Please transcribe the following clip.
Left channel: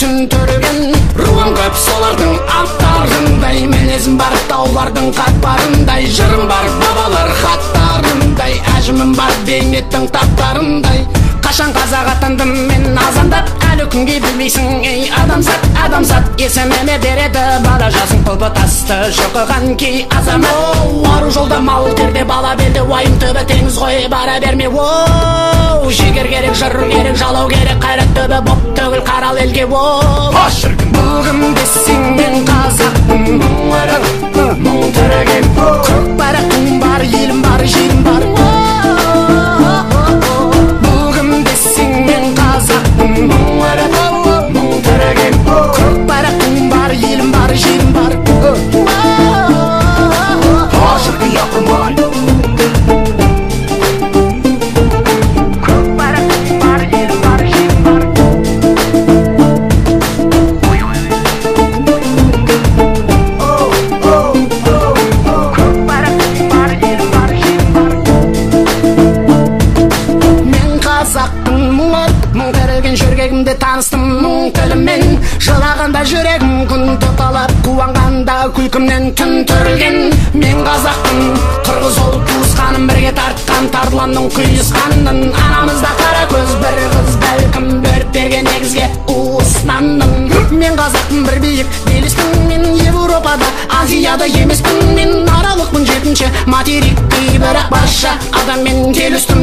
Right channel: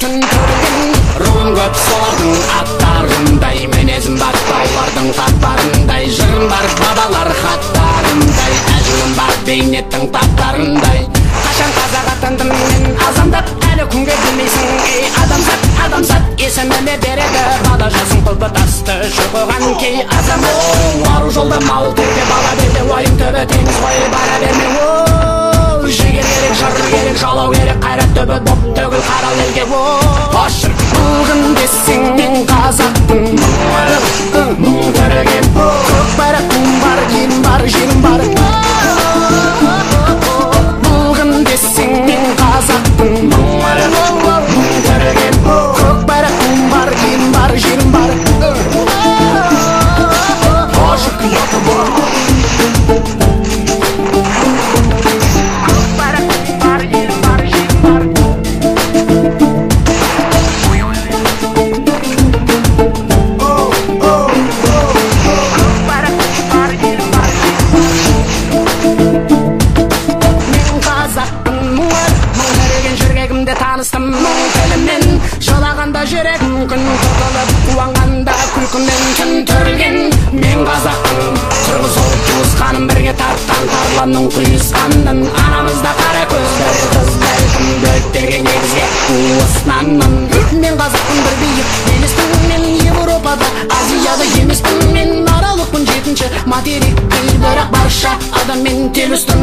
түн түрген. Руым көп солардың аттарындай, мінезім бар таулардың қатпарындай, жырым бар бабалар хаттарындай, әжімім бар бейнеттің таптарындай. Қашан қазақ атандым мен азандап, әлі күнге білмейсің ей адамзат, адамзат есіміме береді бала жасың тұлпы тасты жыпыған кей азамат. Ару жолда мауыл терде бала белде, уайым түбі теңіз ғой бара берме. Жігер керек, жыр керек, жалау керек, қайрат түбі боп төгіл қарал елге. Бүгін десең мен қазақпын, мұң түреген, көк байрақтың бар, елім бар, жерім бар. Бүгін десең мен қазақпын, мұң түреген, көк байрақтың бар, елім бар, жерім бар. Шіркін япырма, таныстым мұң тілімен, жылағанда жүрегім күн тоқылып, қуанғанда күлкімнен түн түрілген. Мен қазақпын, қырғыз ол туысқаным, бірге тартқан тарланның құйысқанның. Анамызда қара көз бір қыз, бәлкім бөліктерге негізге уысынанның. Мен қазақпын, бір биік елістің, мен Европада, Азияда емеспін. Мен аралықпын жетінші материк, бірақ барша адаммен келістім.